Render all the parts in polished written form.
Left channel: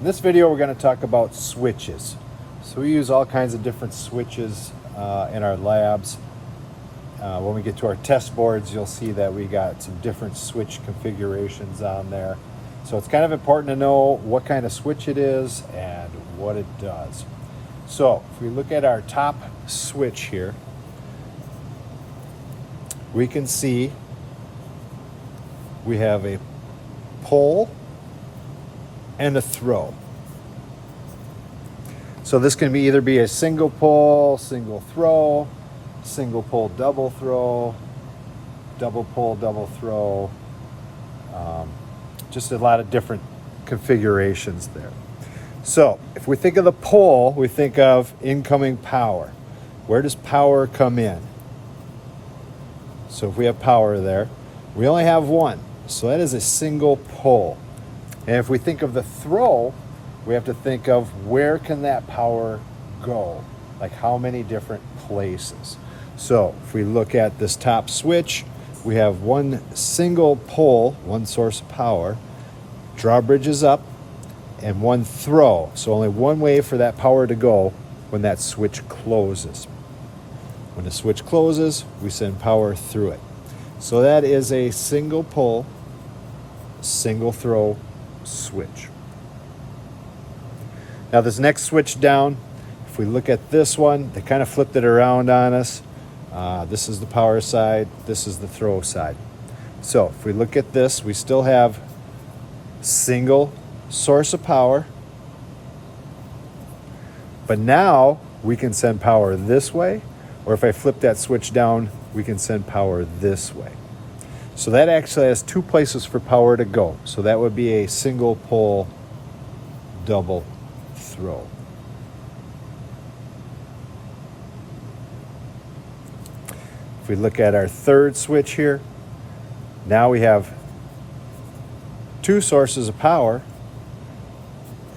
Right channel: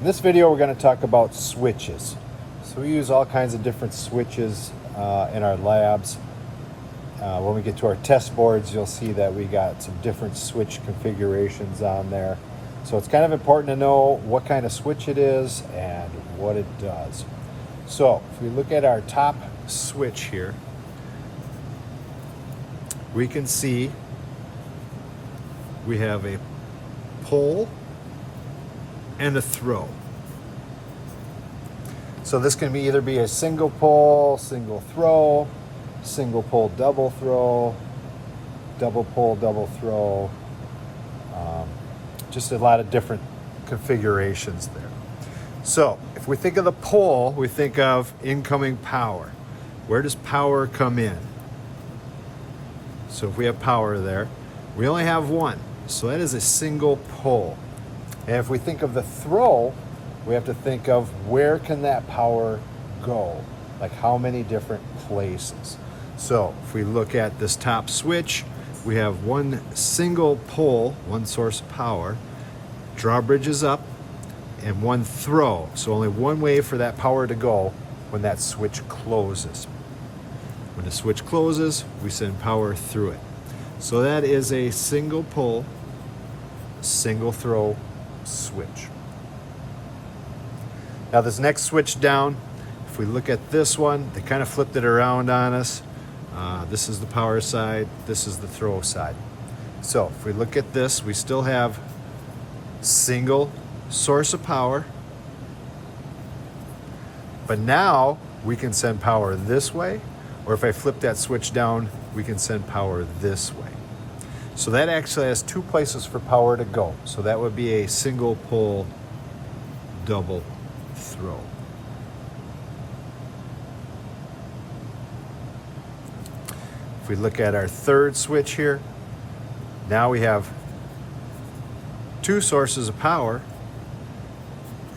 In this video, we're going to talk about switches. So we use all kinds of different switches in our labs. When we get to our test boards, you'll see that we got some different switch configurations on there. So it's kind of important to know what kind of switch it is and what it does. So if we look at our top switch here, we can see we have a pull and a throw. So this can either be a single pull, single throw, single pull, double throw, double pull, double throw. Just a lot of different configurations there. So if we think of the pull, we think of incoming power. Where does power come in? So if we have power there, we only have one. So that is a single pull. And if we think of the throw, we have to think of where can that power go? Like how many different places? So if we look at this top switch, we have one single pull, one source of power, drawbridge is up, and one throw. So only one way for that power to go when that switch closes. When the switch closes, we send power through it. So that is a single pull, single throw switch. Now this next switch down, if we look at this one, they kind of flipped it around on us. This is the power side, this is the throw side. So if we look at this, we still have single source of power, but now we can send power this way, or if I flip that switch down, we can send power this way. So that actually has two places for power to go. So that would be a single pull, double throw. If we look at our third switch here, now we have two sources of power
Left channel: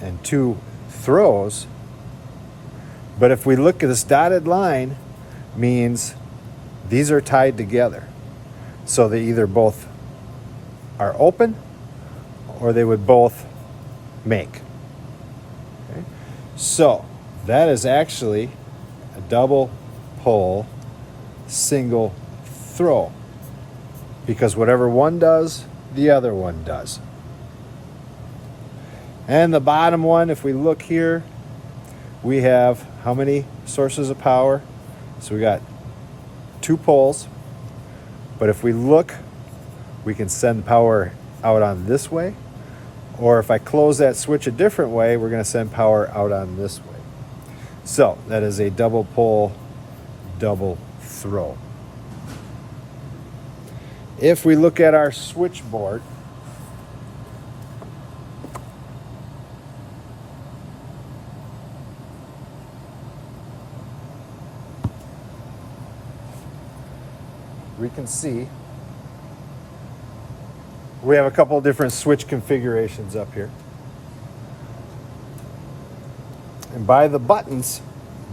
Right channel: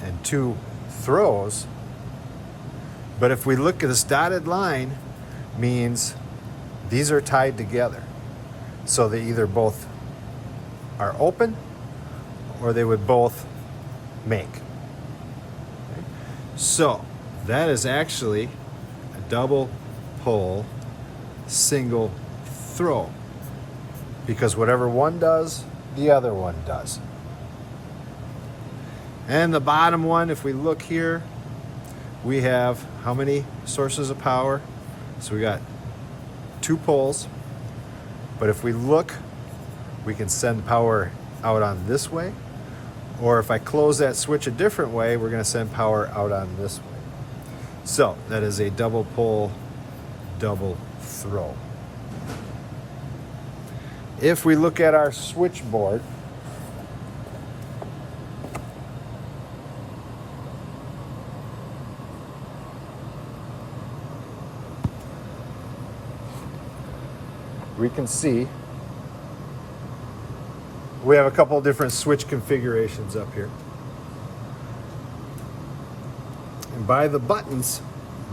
and two throws. But if we look at this dotted line, means these are tied together. So they either both are open or they would both make. Okay. So that is actually a double pull, single throw, because whatever one does, the other one does. And the bottom one, if we look here, we have how many sources of power? So we got two poles, but if we look, we can send power out on this way, or if I close that switch a different way, we're going to send power out on this way. So that is a double pull, double throw. If we look at our switchboard, we can see we have a couple of different switch configurations up here. And by the buttons,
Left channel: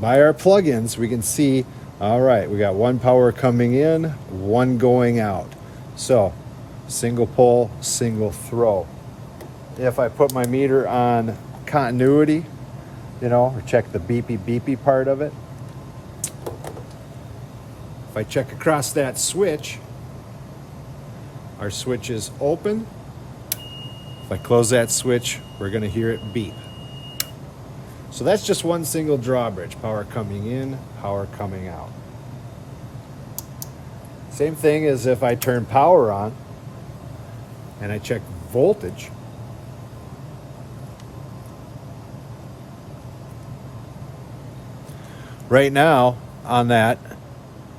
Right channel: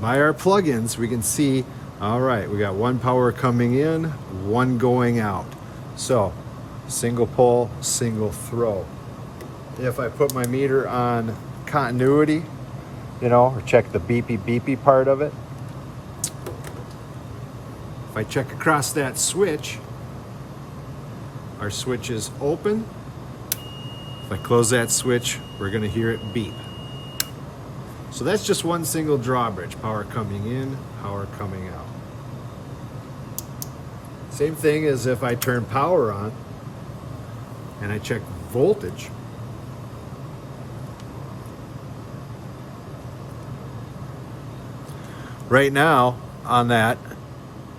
by our plugins, we can see, all right, we got one power coming in, one going out. So single pull, single throw. If I put my meter on continuity, or check the beepy beepy part of it, if I check across that switch, our switch is open. If I close that switch, we're going to hear it beep. So that's just one single drawbridge, power coming in, power coming out. Same thing as if I turn power on and I check voltage. Right now on that,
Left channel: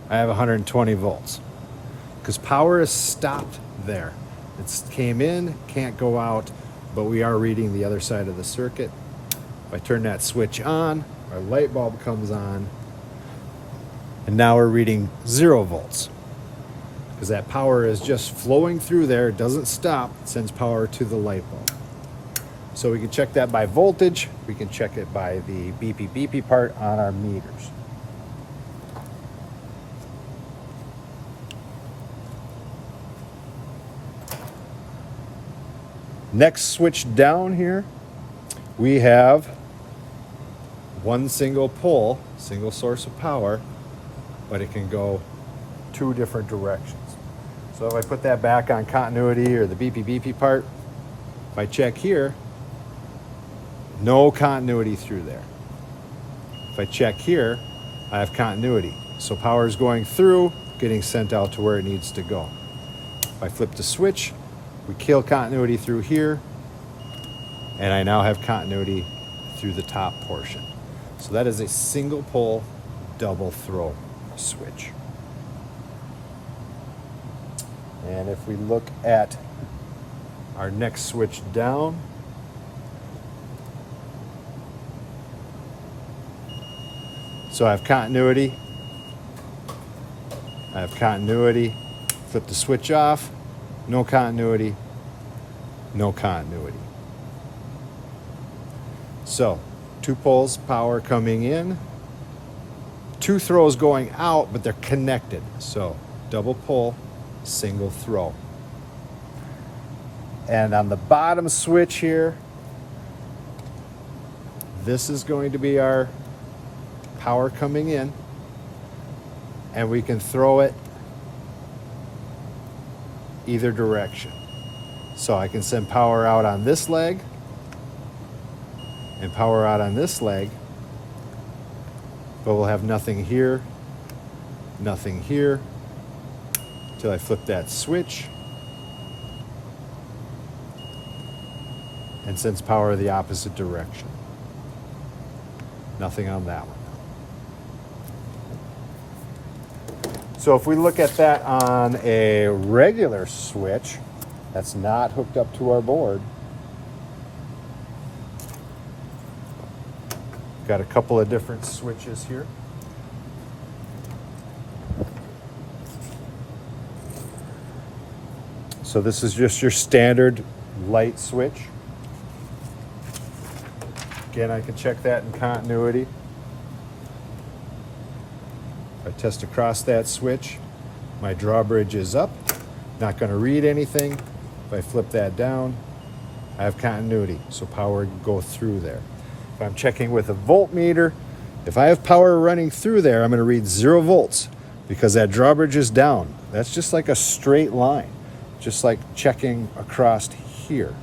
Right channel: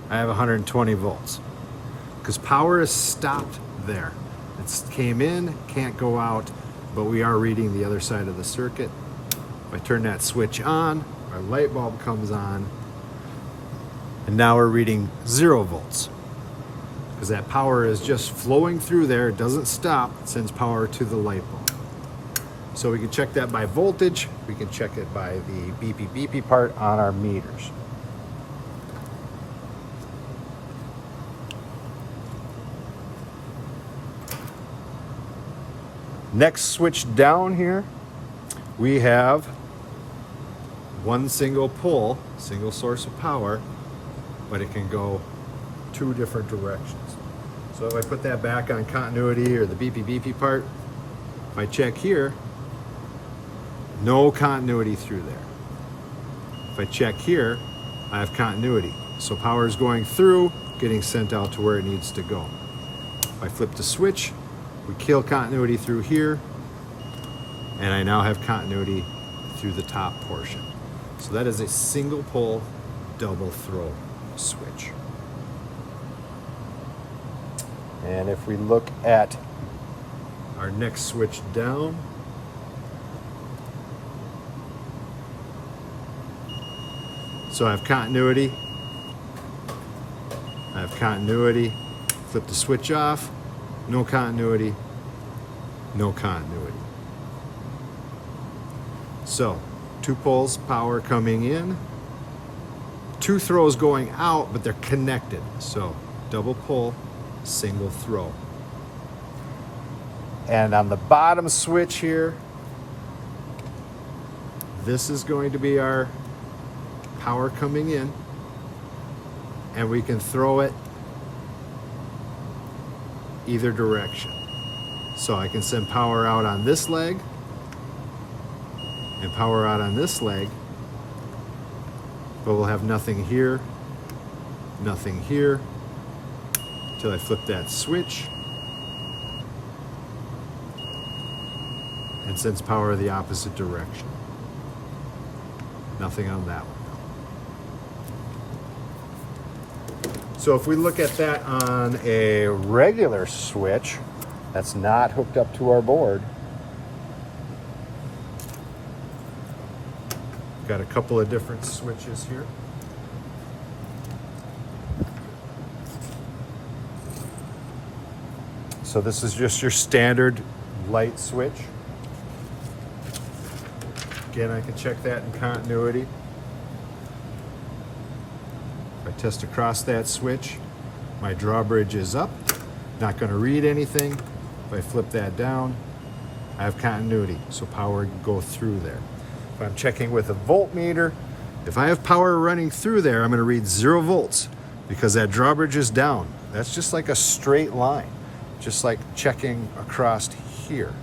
I have 120 volts because power is stopped there. It came in, can't go out, but we are reading the other side of the circuit. If I turn that switch on, our light bulb comes on, and now we're reading 0 volts because that power is just flowing through there. It doesn't stop, it sends power to the light bulb. So we can check that by voltage, we can check it by the beepy beepy part on our meters. Next switch down here, we have one single pull, single source of power, but it can go two different directions. So if I put that back on continuity or the beepy part, if I check here, no continuity through there. If I check here, I have continuity. So power is going through, getting sent out to where it needs to go. If I flip the switch, we kill continuity through here, and I now have continuity through the top portion. So that is a single pull, double throw switch. And if we look at our next switch down, so I have continuity, flip the switch off, no continuity, no continuity. So 2 pulls, power coming in, 2 throws going out, but they're connected. So double pull, single throw. And on the bottom switch here, this is going to be our power coming in, and we can throw it either direction. So I can send power out on this leg and power out on this leg, but we'll have nothing here, nothing here, until I flip that switch and sends power the opposite direction. Nothing on that one. So if we look at that on a regular switch that's not hooked up to our board, got a couple of different switches here. So this is just your standard light switch. Again, I can check that in continuity. If I test across that switch, my drawbridge is up, not going to read anything. If I flip that down, I have continuity, so power can go through there. If I'm checking with a voltmeter, if I have power running through there, I'm going to read 0 volts because that drawbridge is down. That's just like a straight line, just like checking across here.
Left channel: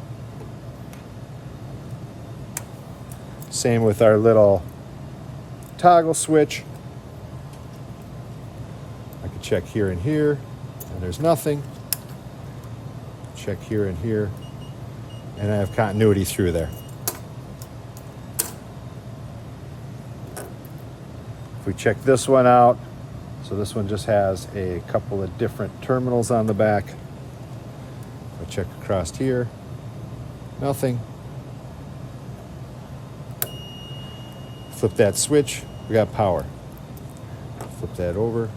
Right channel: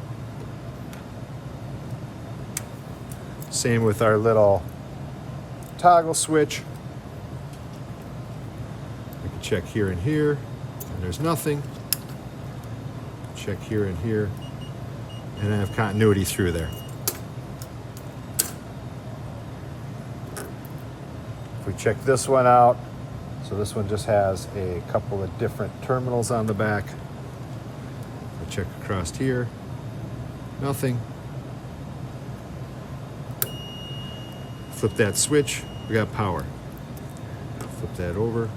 Same with our little toggle switch. I can check here and here, and there's nothing. Check here and here, and I have continuity through there. If we check this one out, so this one just has a couple of different terminals on the back. I check across here, nothing. Flip that switch, we got power. Flip that over,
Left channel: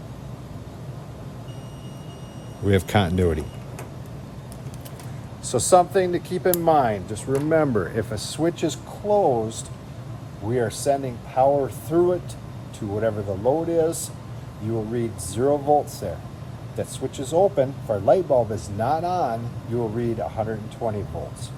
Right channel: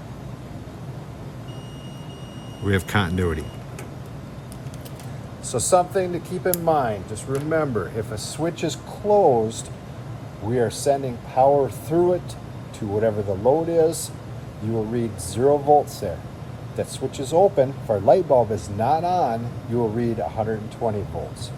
we have continuity. So something to keep in mind, just remember, if a switch is closed, we are sending power through it to whatever the load is. You will read 0 volts there. If that switch is open, if our light bulb is not on, you will read 120 volts.